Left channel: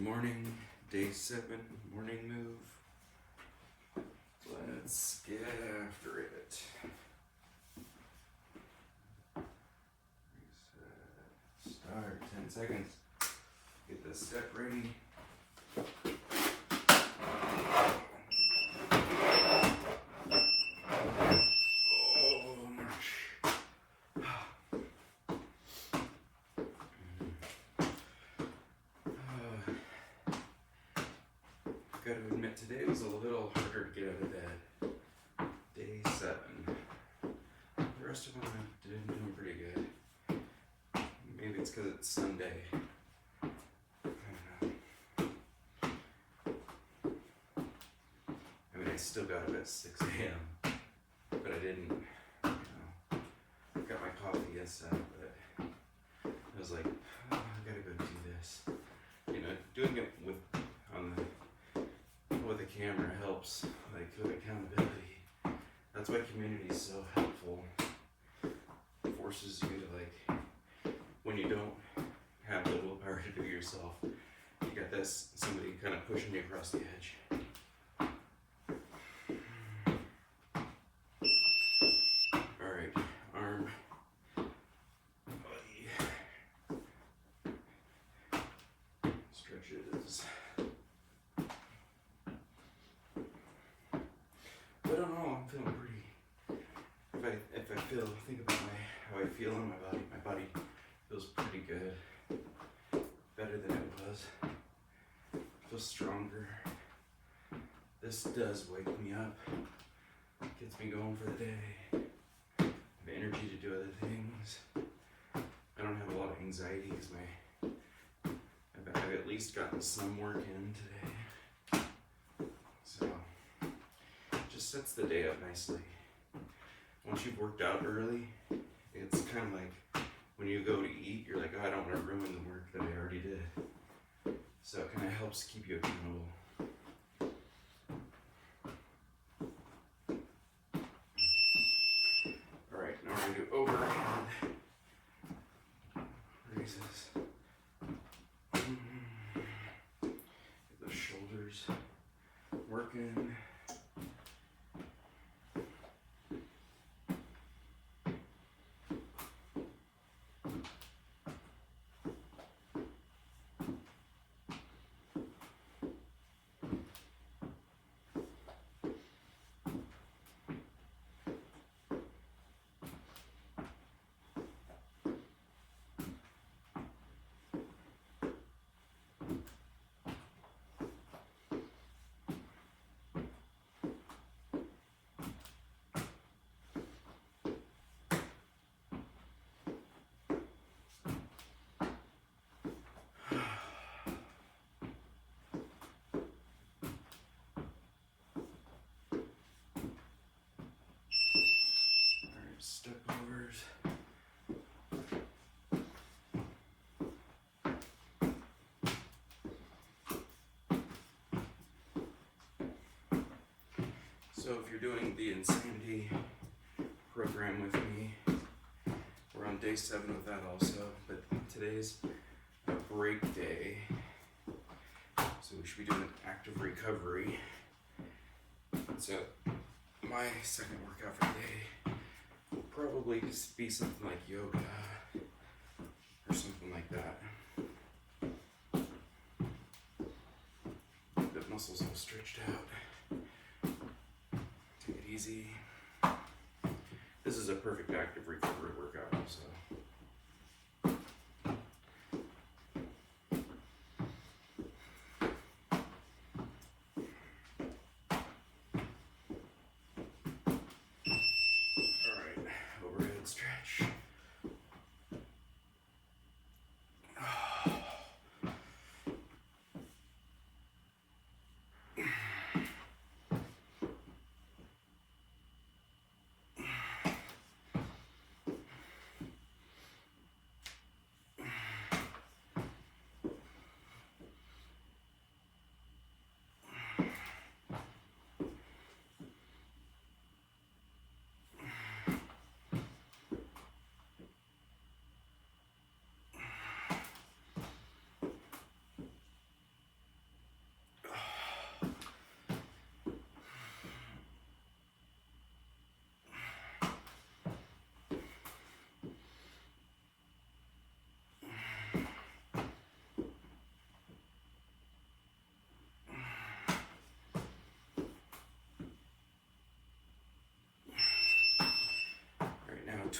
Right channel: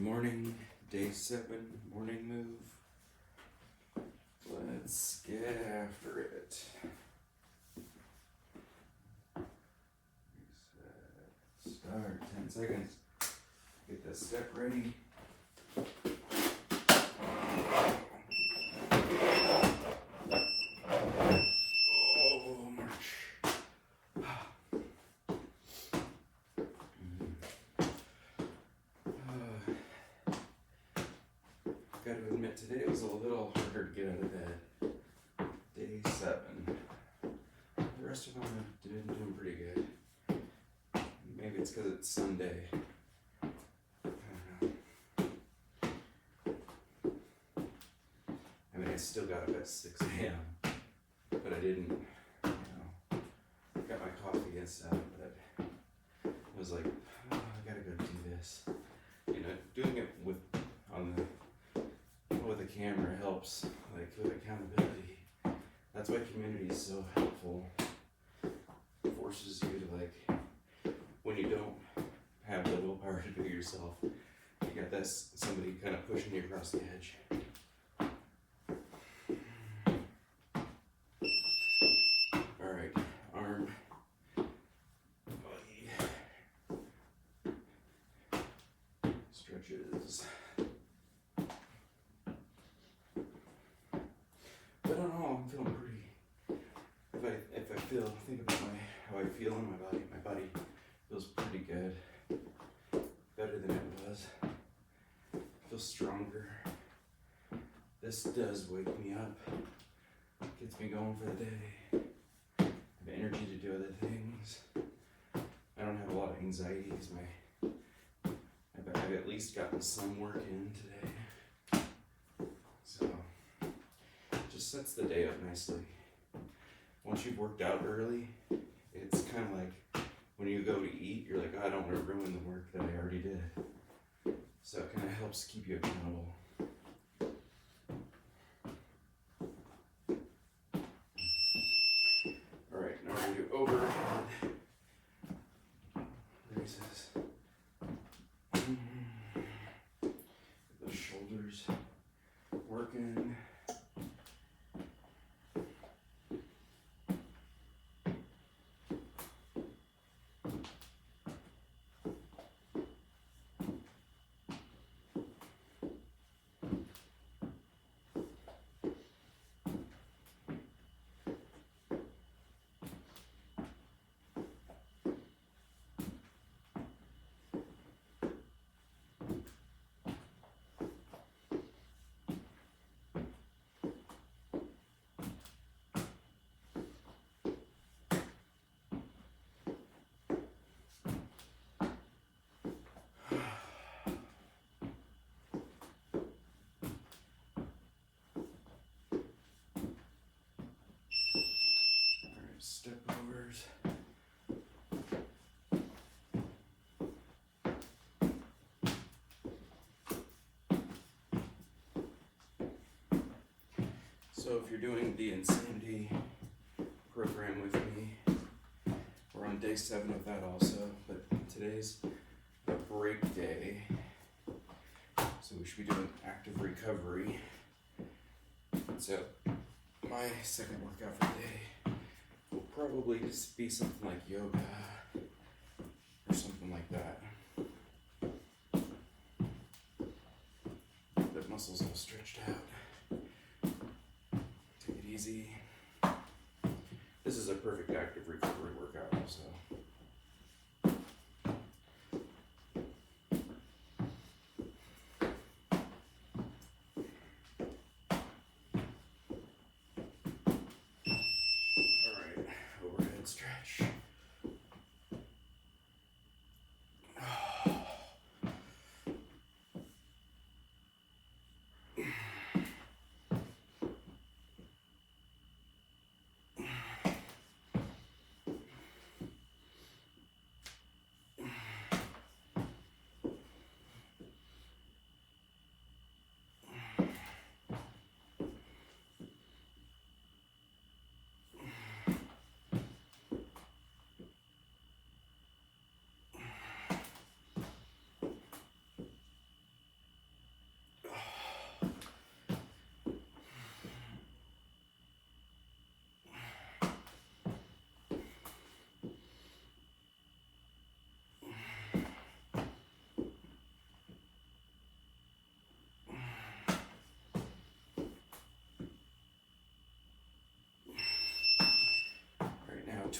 Good morning, day 7, morning move. Let's get after it. Reset, start, 10 seconds. Get the step ready. Gotta admit, today was a little harder to get out of bed. Day 7. The rest of them I've been doing pretty good. Maybe it's because it's Sunday. I mean, I still got up at 6 a.m., but I didn't, I got my coffee and stuff, but I was like, oh, I gotta go do this. Doing it with a camera helps, like with accountability. That's why community is so helpful. It forces you to, when you don't have the willpower to do it yourself, you got this somebody kind of pushing you across the edge. All right, arm, body, stretches. But I don't know, I'm feeling pretty, if I think about how I feel in my body feels pretty good, better than it was, feels stronger. This does wake me up, gets me going for the day, I have energy to do other things. I don't have a lot of anxiety because I've at least gotten some work in today, so just sets the day up nicely. Once you've worked out early, it's kind of like when you go to eat, you're like, oh, I don't want to ruin the work that I already did. So it kind of helps keep you accountable. All right, now we're going to do overhead raises. Get those shoulders working. Step overs. So if you're doing the Insanity program with me, we're on day 7 of that also, but today's a break day. So we should be doing active recovery. So my second workout for the day will probably just be something like yoga or something like that. The muscles all stretched out. Take it easy. This is a perfect active recovery workout also. Stretch.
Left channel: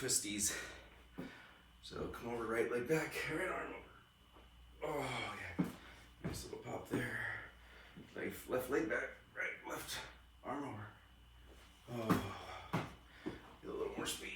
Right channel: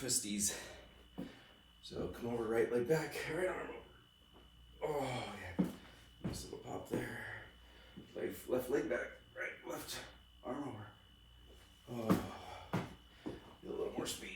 twisties. So come over, right leg back, right arm over. Oh yeah, nice little pop there. Left leg back, right, left arm over. Oh, get a little more speed.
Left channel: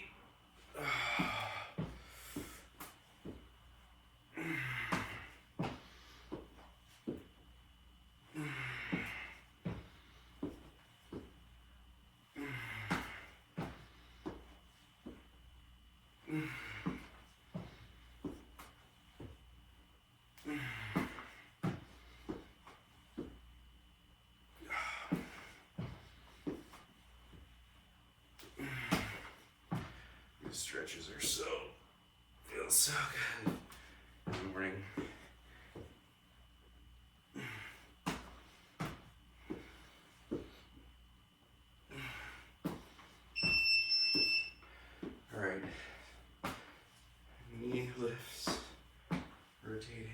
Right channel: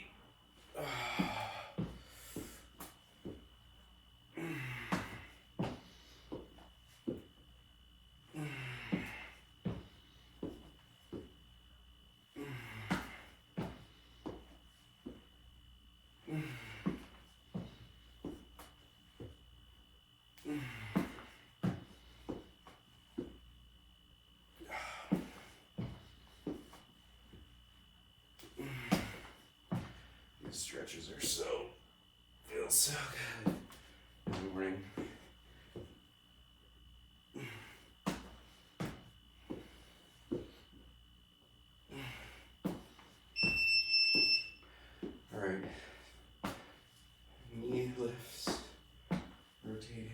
These stretches are feel so good in the morning. All right, knee lifts, rotating.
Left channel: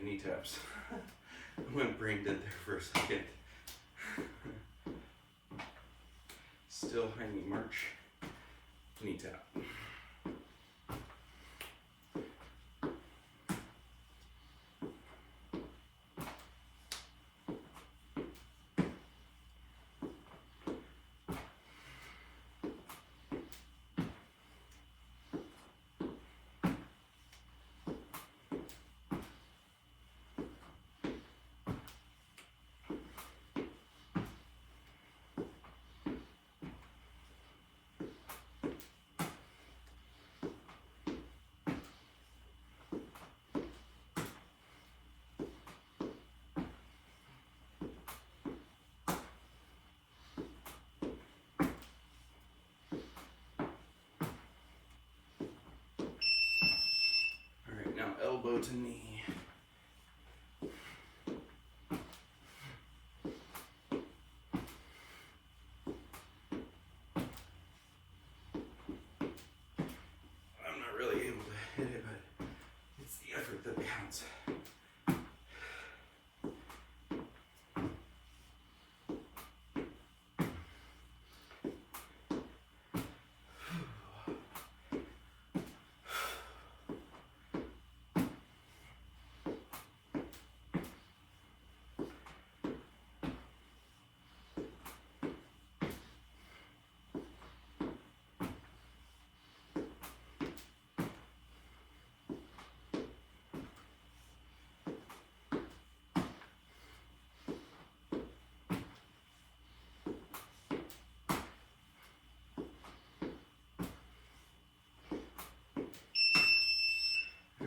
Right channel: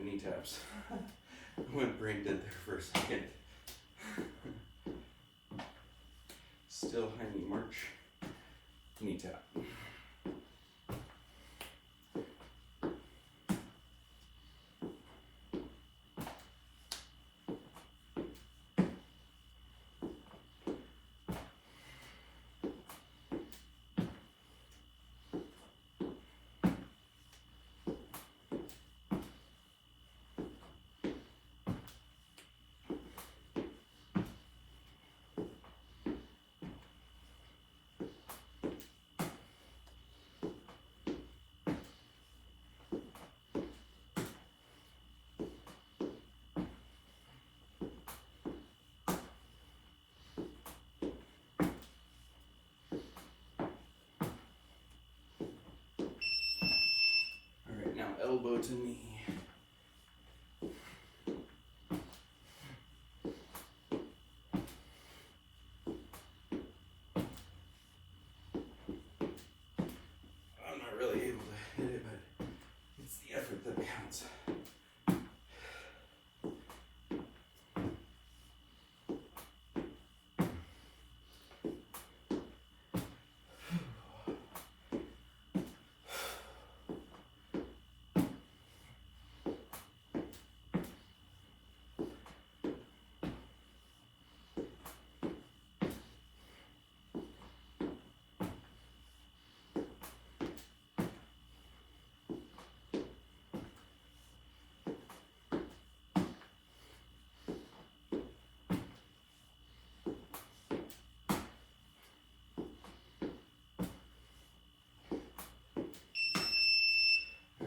Knee taps. I went brain dead there for a second. Still high knee march, knee tap. Now elbow to knee. I'm not really able to hit it, but it's the effort that counts.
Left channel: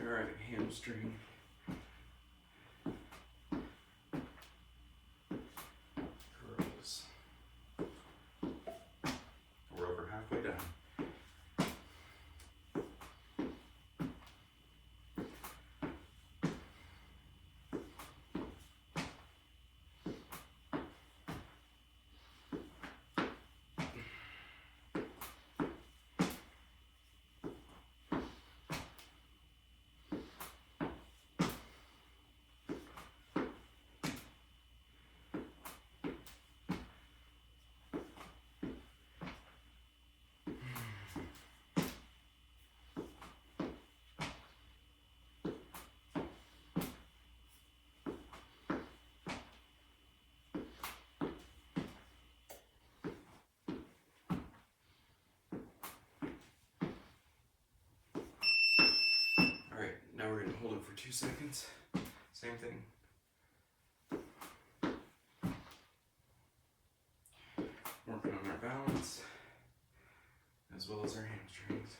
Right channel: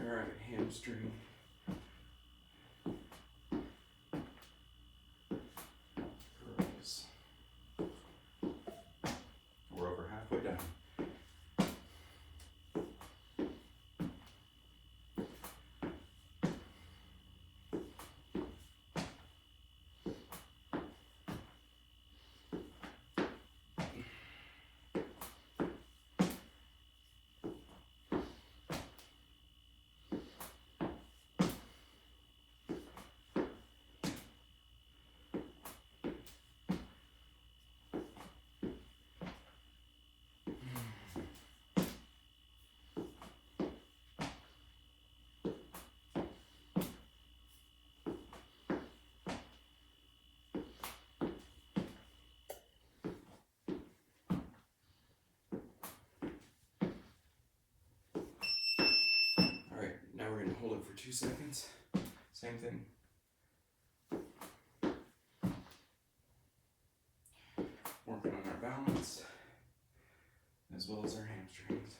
Alright, hamstring. Curls. We're over halfway done. hold it for 2 seconds. Same thing. Working on our balance as well as our hamstrings.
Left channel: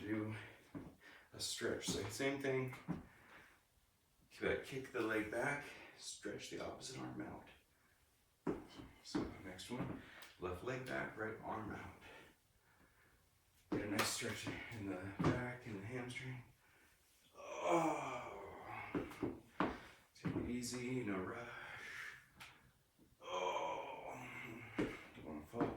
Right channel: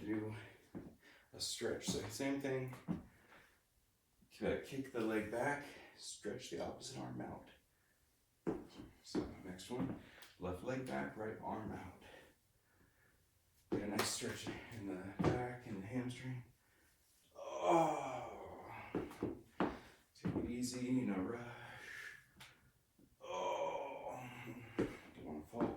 Do a stretch. So same thing. Kick the leg back, stretch the opposite arm out. So next one, left leg back, right arm out. Get a nice stretch in the back and the hamstring. Oh, take it easy, no rush. Oh, don't want to fall.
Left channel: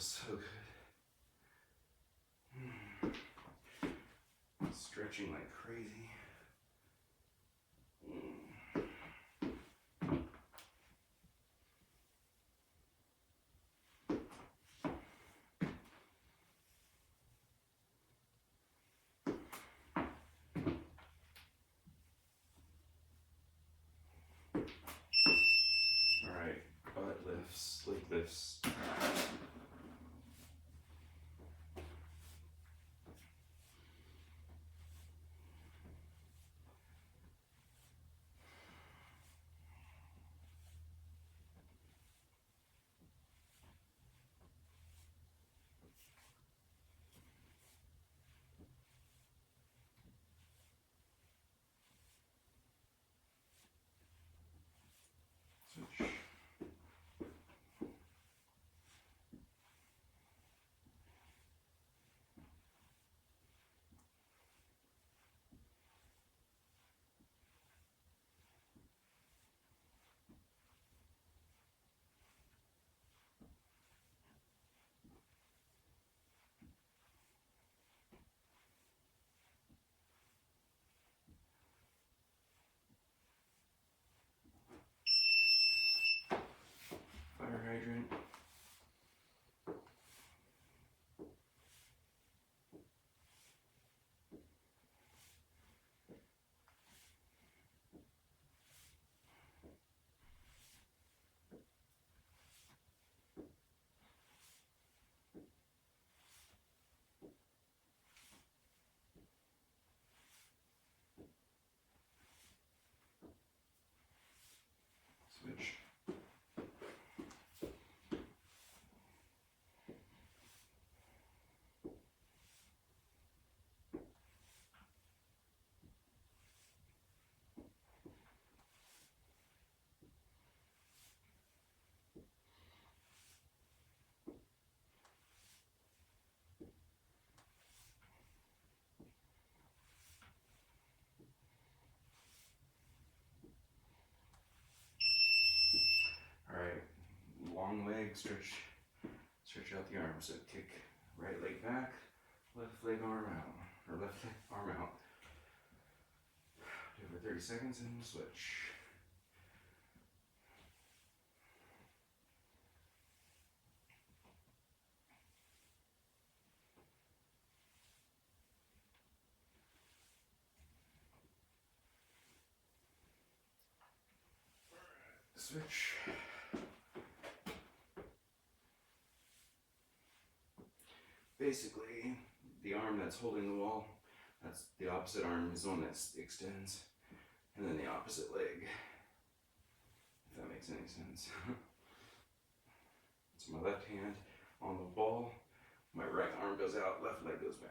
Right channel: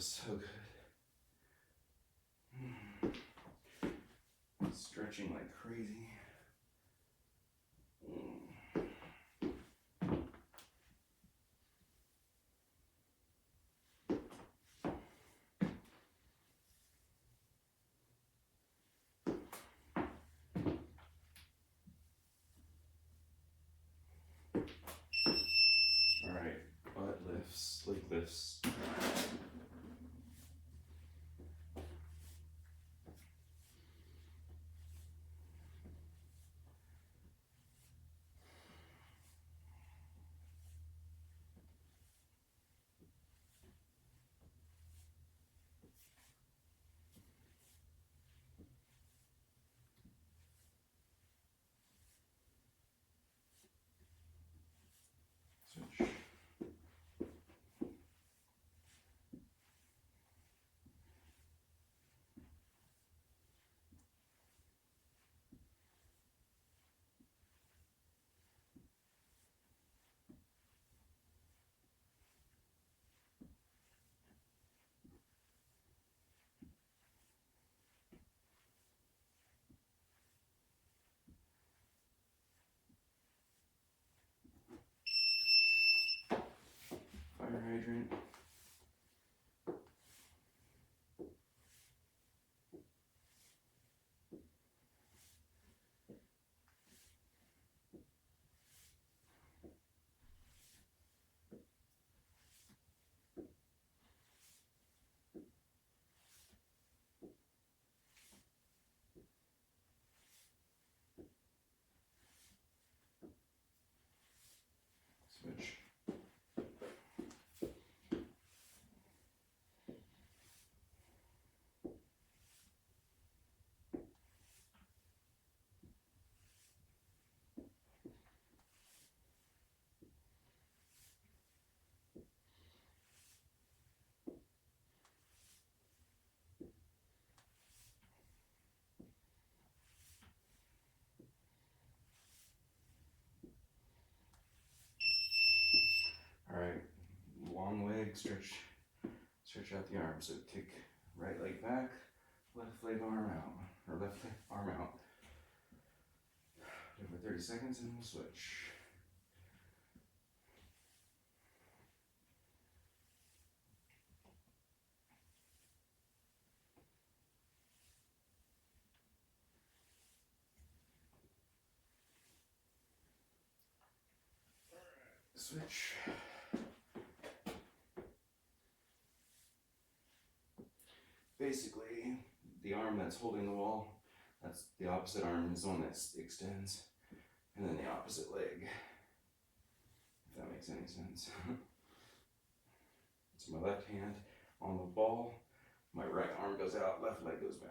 So good. Stretching like crazy. All right, butt lifts, leg lifts. Switch. Fire hydrant. Switch. All right, long leg stretch. Stretch out the arms. So kick right leg back, left leg arm out, or left arm out. Do it for 30 seconds and we'll switch. Switch. Basically, the arm that's holding the wall, that's the opposite arm is the one that extends, and then the opposite leg, if that makes any sense. So my left hand on the ball, my right arm goes out, left leg goes back.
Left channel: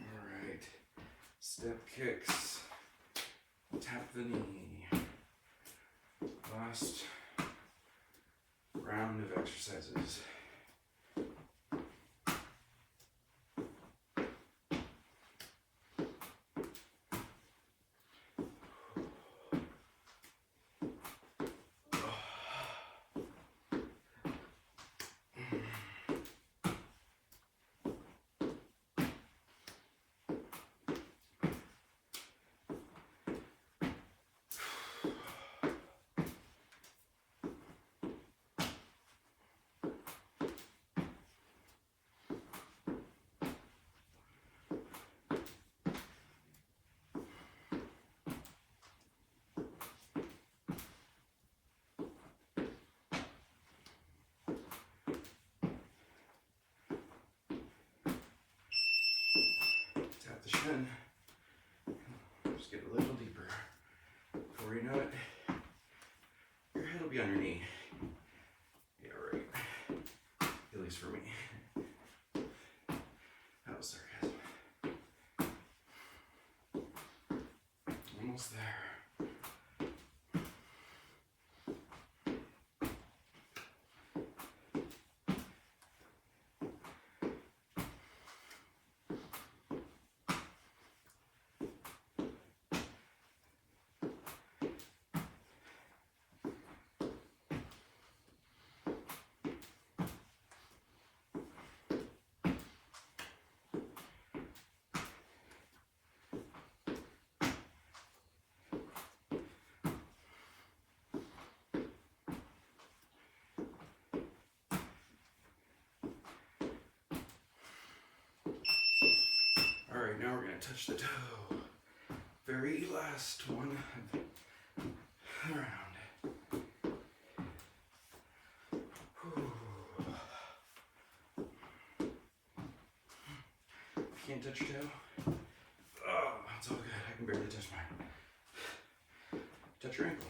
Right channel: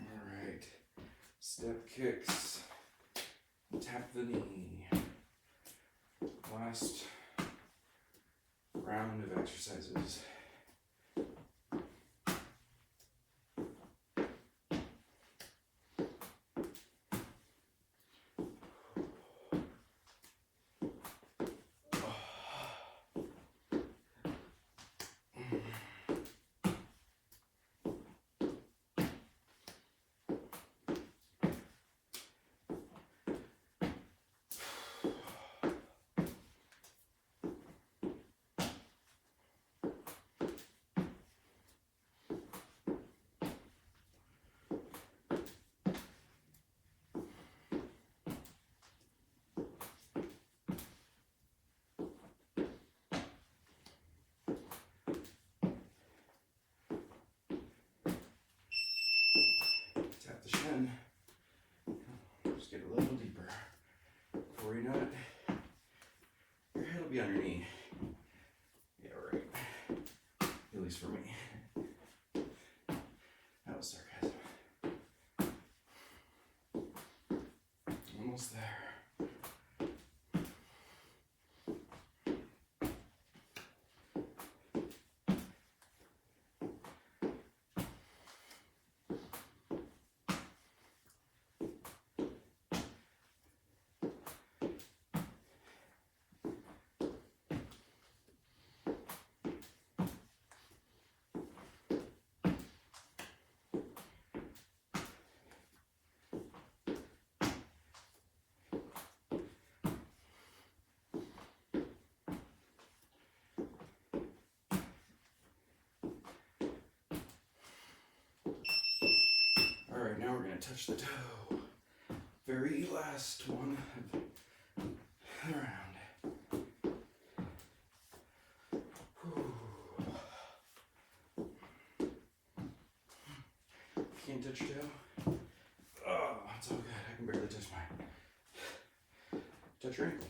All right, Step kicks. Tap the knee. Last round of exercises. Tap the shin. Just get a little deeper. Before you know it, your head will be on your knee. Yeah, right. At least for me. That was sarcasm. Almost there. All right, now we're gonna touch the toe. Very last one of the round. Whew. Can't touch your toe? Oh, it's all good. I can barely touch mine. Touch your ankle.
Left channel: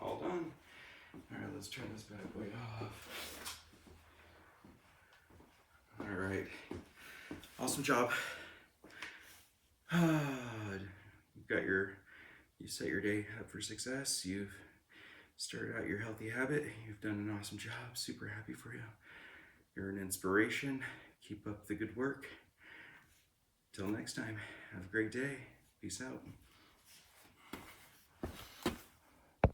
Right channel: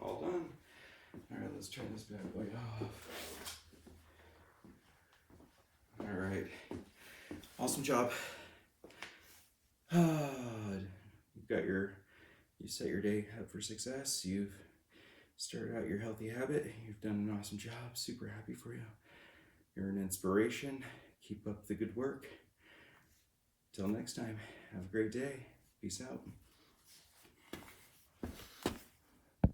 All done. All right, let's turn this bad boy off. All right, awesome job. You set your day up for success. You've started out your healthy habit. You've done an awesome job. Super happy for you. You're an inspiration. Keep up the good work. Till next time, have a great day. Peace out.